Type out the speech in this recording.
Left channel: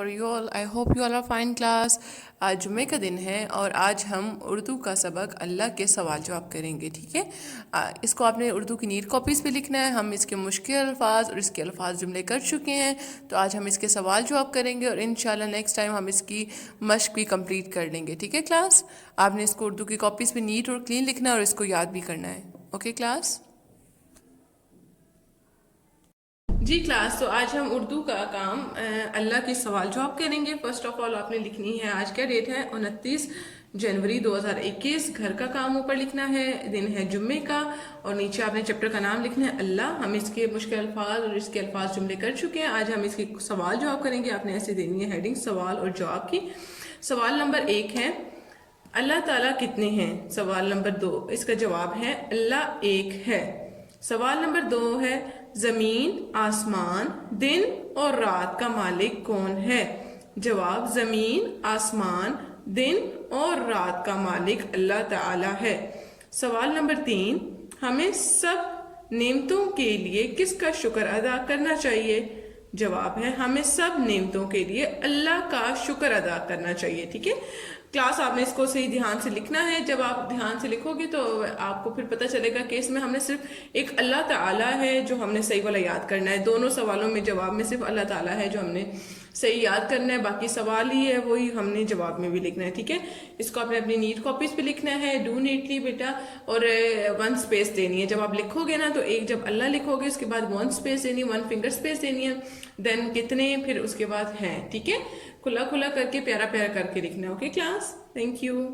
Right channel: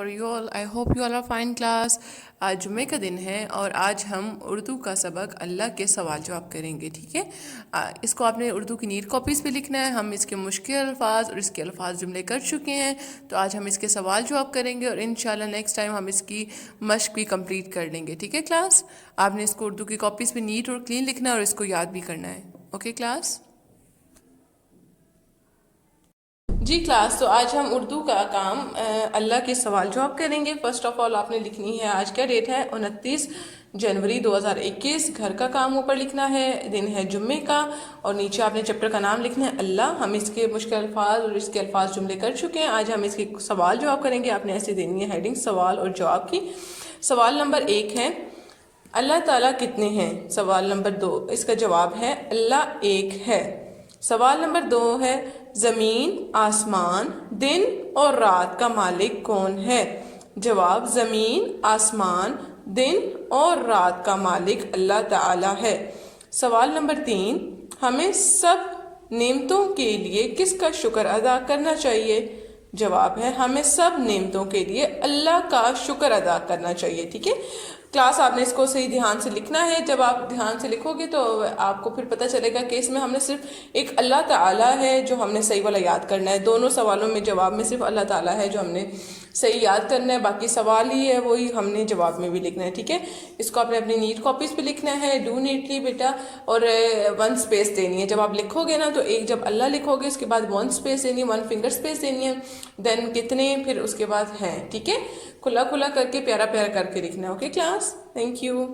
how are you all? I hope you all are fine class. آج جمعے کا دن ہے اور آج ہم اردو کا سبق اللہ کے سوال جواب کریں گے، ٹھیک ہے؟ اس کو آپ نے اردو کی نیٹ کاپیز پہ لکھنا ہے. ہم اس کے مشکل الفاظ اور اس کے الفاظ جملے کر چکے ہیں، تو آج ہم اس کے سوال جواب کریں گے اور انشاءاللہ نیکسٹ ٹائم ہم اس کی مشق بھی کمپلیٹ کر لیں گے، ٹھیک ہے کلاس؟ آپ نے اس کو اردو کی کاپیز پہ نیٹ اور کلین لکھنا ہے اور اس کو یاد بھی کرنا ہے، اوکے کلاس؟ جی کلاس، تو آج ہم اردو کا کام اللہ کے سوال جواب کریں گے. فرسٹ آف آل آپ نے لکھنی ہے، آج کیا ڈیٹ ہے؟ 29 جنوری 2021. گھر کا کام اوپر لکھنا ہے، دن ہے جمعے کا، اور نیچے آپ نے چیپٹر کا نام لکھنا ہے اللہ. ہم اس کے مشکل الفاظ اور اس کے الفاظ جملے کر چکے ہیں. آج ہم اس کے سوال جواب کریں گے. آپ نے ایسے دینی ہے ہیڈنگ سوال اور جواب کی. سوال نمبر 1 ہے اللہ تعالیٰ کتنے ہیں؟ سوال نمبر 2 اس کا جواب ہے اللہ ایک ہے. سوال نمبر 2 ہے زمین، آسمان، دن اور رات کا مالک کون ہے؟ جواب زمین، آسمان، دن اور رات کا مالک اللہ تعالی ہے. سوال نمبر 3 ہمیں سب نعمتوں کے لیے کس کا شکر ادا کرنا چاہیے؟ جواب ہے ہمیں سب نعمتوں کے لیے اللہ کا شکر ادا کرنا چاہیے. ٹھیک ہے کلاس، آپ نے اس کو صحیح دھیان سے لکھنا ہے. جب آپ دھیان سے لکھو گے تو آپ کو پھر پتہ چلے گا کہ اس میں ہم نے صرف ایک اللہ تعالیٰ ہے جو ہم نے صحیح والا یاد کرنا ہے. دونوں سوالوں میں جواب میں صرف اللہ تعالیٰ ہے جو ہم نے صحیح یاد کرنا ہے، باقی سوال ہی ہے وہی ہم نے جواب میں بھی لکھنا ہے. ٹھیک ہے، اس کو آپ نے اپنی نیٹ کاپیز پہ لکھنا ہے. ڈو نیٹلی بیٹا، اور 1 اسپیس دینی ہے. جب آپ لکھو گے نا تو ایک جب اللہ لکھو گے اس کے بعد 1 اسپیس دینی ہے، 1 فنگر اسپیس دینی ہے، دین کتنے، پھر اس کے بعد ہیں. ٹھیک ہے، کھلا کھلا کر کے پیارا پیارا کر کے لکھنا ہے. Okay class, thank you.